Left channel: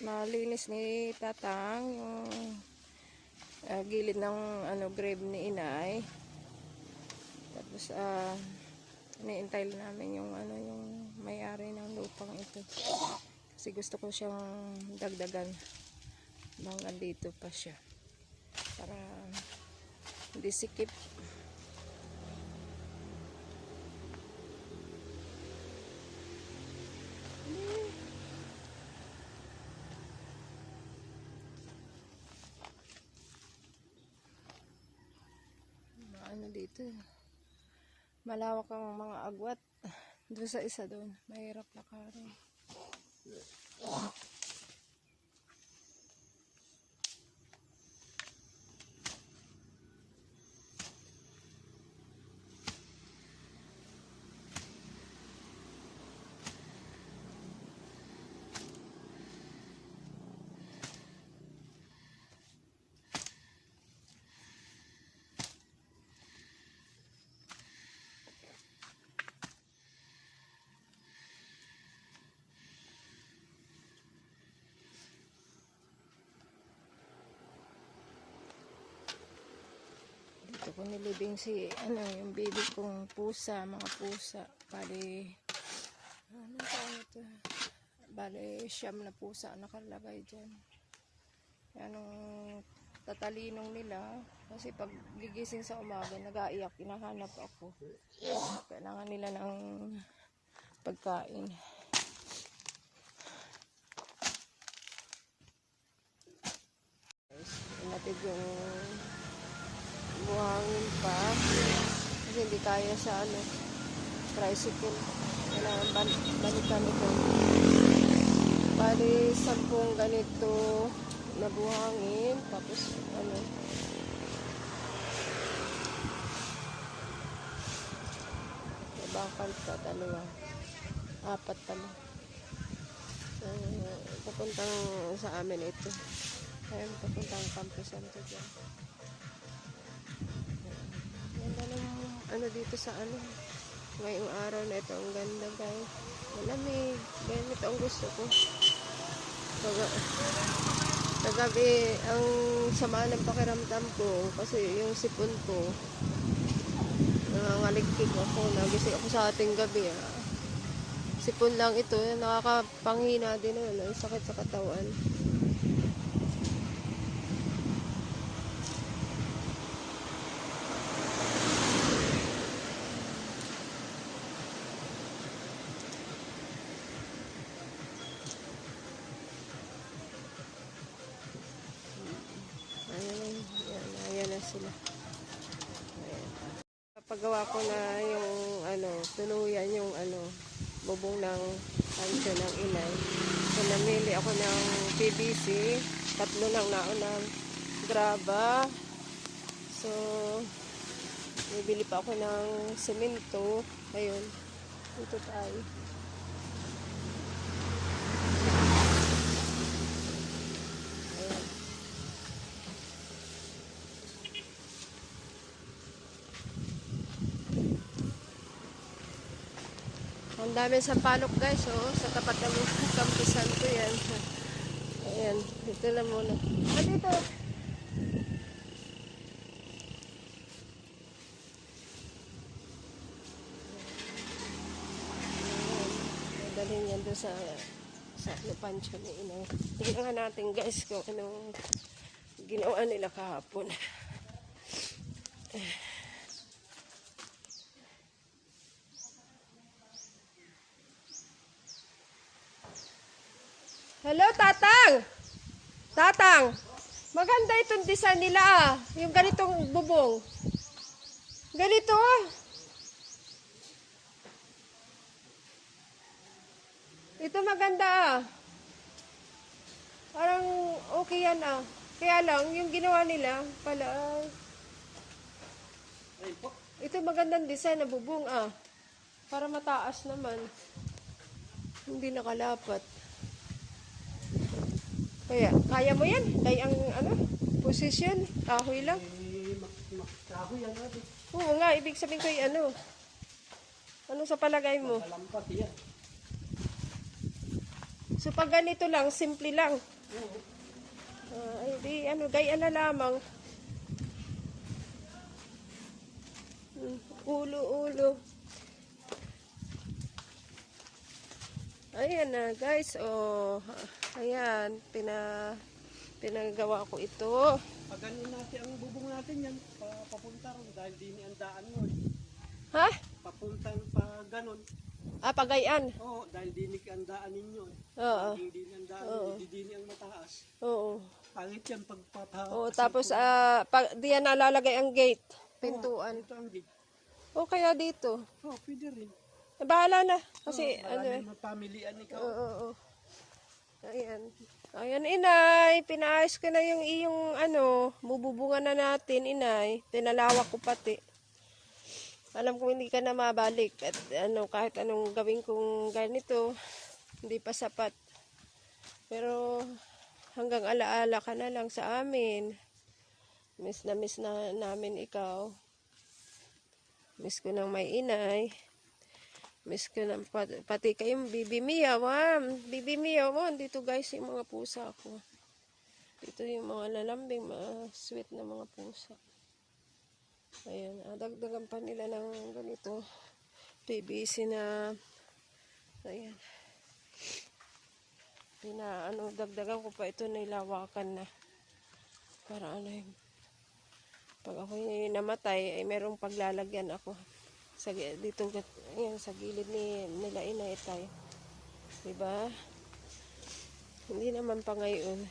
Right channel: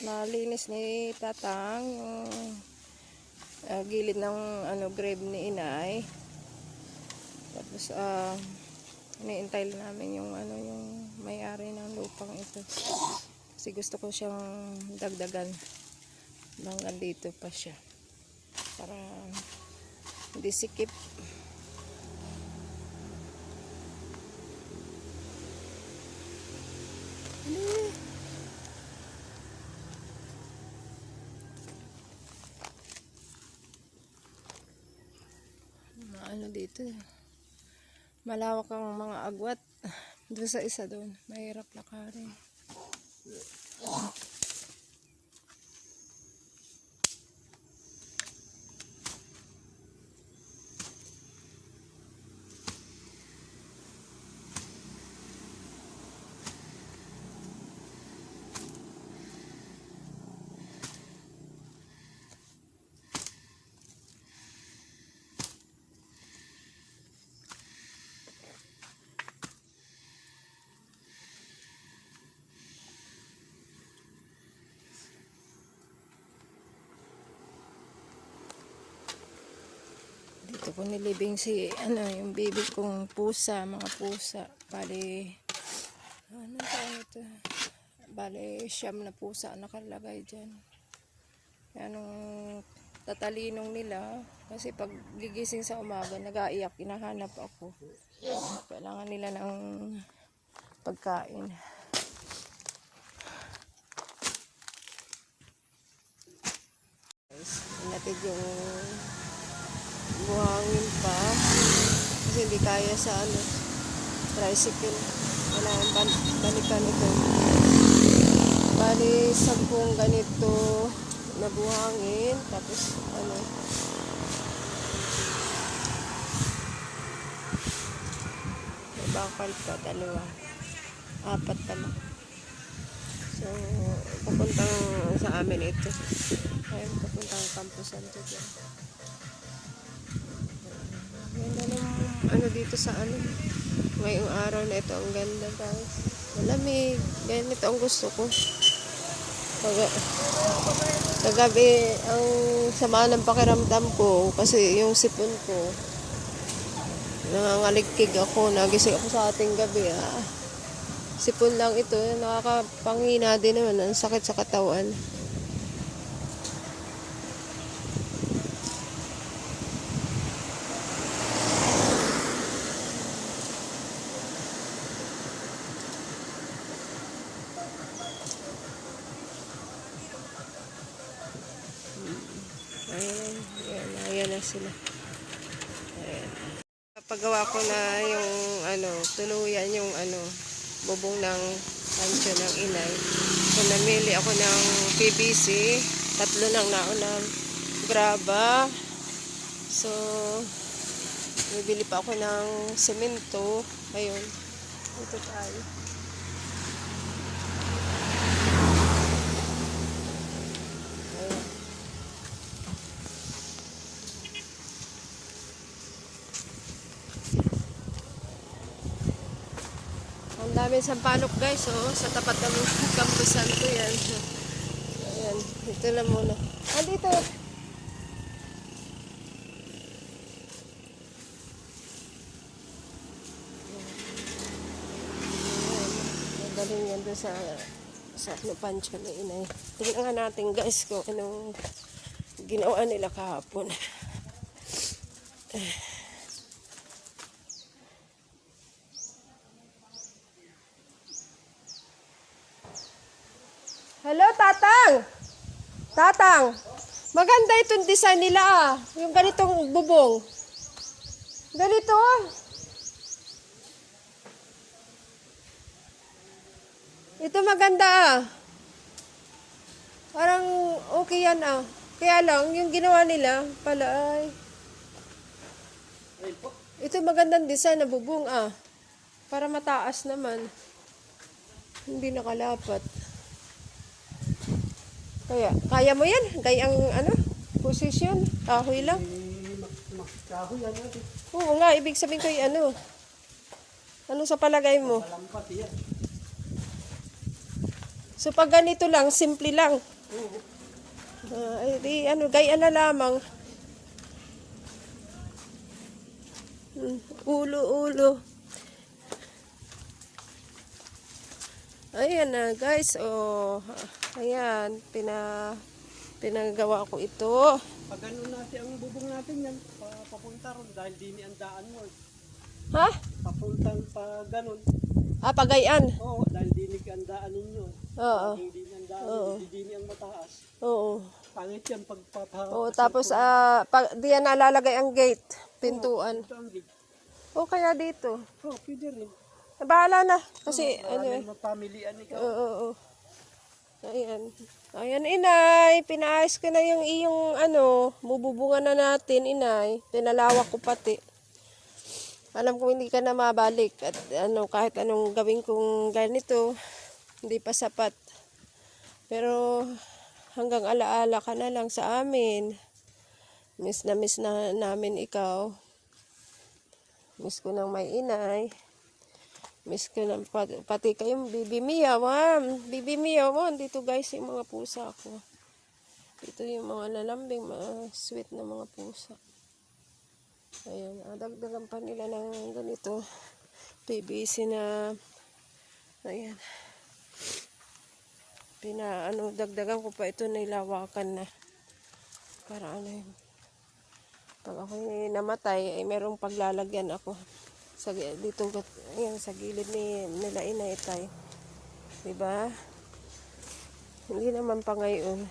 nalinis ni Tatang yung ah, gilid ng ano grave ni Inay. Tapos ah iniintay namin yung ano yung may-ari ng lupang ito. Kasi gusto ko siyang dagdagan hanggang dito pa siya. Para hindi sikip. Mga ano dito eh. Malawak ang mga agwat. Doon sa isa doon. Mahirap lakarin. Dito ko nilibing si, ano, yung baby kong pusa, mga pusa. Bali, ano tawag ito? Bali, siyam na pusa nakalagay dyan. Anong tatalinong nila, kasi pag gigising sa umaga, nag-aiyak, hinahanap ako. Kailangan nila ng pagkain. Guys, Natin yung buhangin pa. Kasi hindi kaya sa ano tricycle. Kailangan ban balikan ito. Bali sampung ganito na buhangin tapos ano. Bakal pa dalawa. Apat pala so papuntang sa amin ito. Ayun papuntang Campo Santo ano dito sa ano. Ngayong araw na ito, ang ganda guys. Malamig. Ganito ang gusto ko. Taga, kagabi, ang sama ng pakiramdam ko kasi yung sipon ko, nangangaligkig ako, nagising ako sa ating gabi. Ah. Sipon lang ito, nakakapanghina din naman, ang sakit sa katawan. Ayan, ayan, ayan na sila. Kapagawa ko na yung ano, tuluyan yung ano, bubong ng pansyo ng inay. So, namili ako ng PVC, tatlo ng naunang graba. So, bibili pa ako ng semento. Ayun. Ito tayo. Ayun. Ang dami sampalok guys, oh, sa tapat ng kampusan ko yan. Ayan, ito na muna. Ah, dito. Galing yan doon sa sa pancho na inay. Tingnan natin guys kung anong ginawa nila kahapon. Hello, Tatang! Tatang! Maganda itong design nila ah. Yung ganitong bubong. Ganito ah. Ito maganda ah. Parang okay yan ah. Kaya lang, yung ginawa nila, pala ay... Ito magandang design na bubong ah. Para mataas naman. Hindi nakalapat. Kaya, kaya mo yan? Day ang ano, position, kahoy lang. Kahoy natin. Oo nga, ibig sabihin yung ano. Ano sa palagay mo? So pag ganito lang, simple lang. Ay, di, ano, gaya na lamang. Hmm, ulo, ulo. Ayan na, guys. Oh, ayan, pina, pinagawa ko ito. Pag ano natin, ang bubong natin yan, papunta ron dahil dini ang daan mo. Ha? Papunta pa ganon. Ah, pagayan. Oo, dahil dinig ang daan ninyo. eh. Oo. Hindi ang daan, Oo. dini ang mataas. Oo. Pangit yan pagpapa... Oo, tapos, ah, pag, diyan nalalagay ang gate, pintuan. Di- O kaya dito. Oh, pwede rin. Bahala na. Kasi, ano eh. Maraming mapamilian ikaw. Oo, oo. Ayan. Ayan, inay. Pinaayos ko na yung iyong, ano, bububungan na natin, inay. Pinalawak ko pati. Alam ko hindi ka na mabalik. At ano, kahit anong gawin kong ganito, hindi pa sapat. Pero, hanggang alaala ka na lang sa amin. Miss na miss na namin ikaw. Miss ko ng may inay. Miss ko ng pat, pati kayong Bibi Mia, ma'am. Bibi Mia, ma'am. Dito guys yung mga pusa ko. Dito yung mga lalambing, mga sweet na mga pusa. Ayan, ah, dagdagan pa nila ng ganito. TBC na, ayan. Pina, ano, dagdagan ko pa ito nilawakan na. Para ano yung, pag ako namatay, ay merong paglalagyan ako sa dito ayan sa gilid ni nila inaitay. 'Di ba? Hindi naman pa ngayon.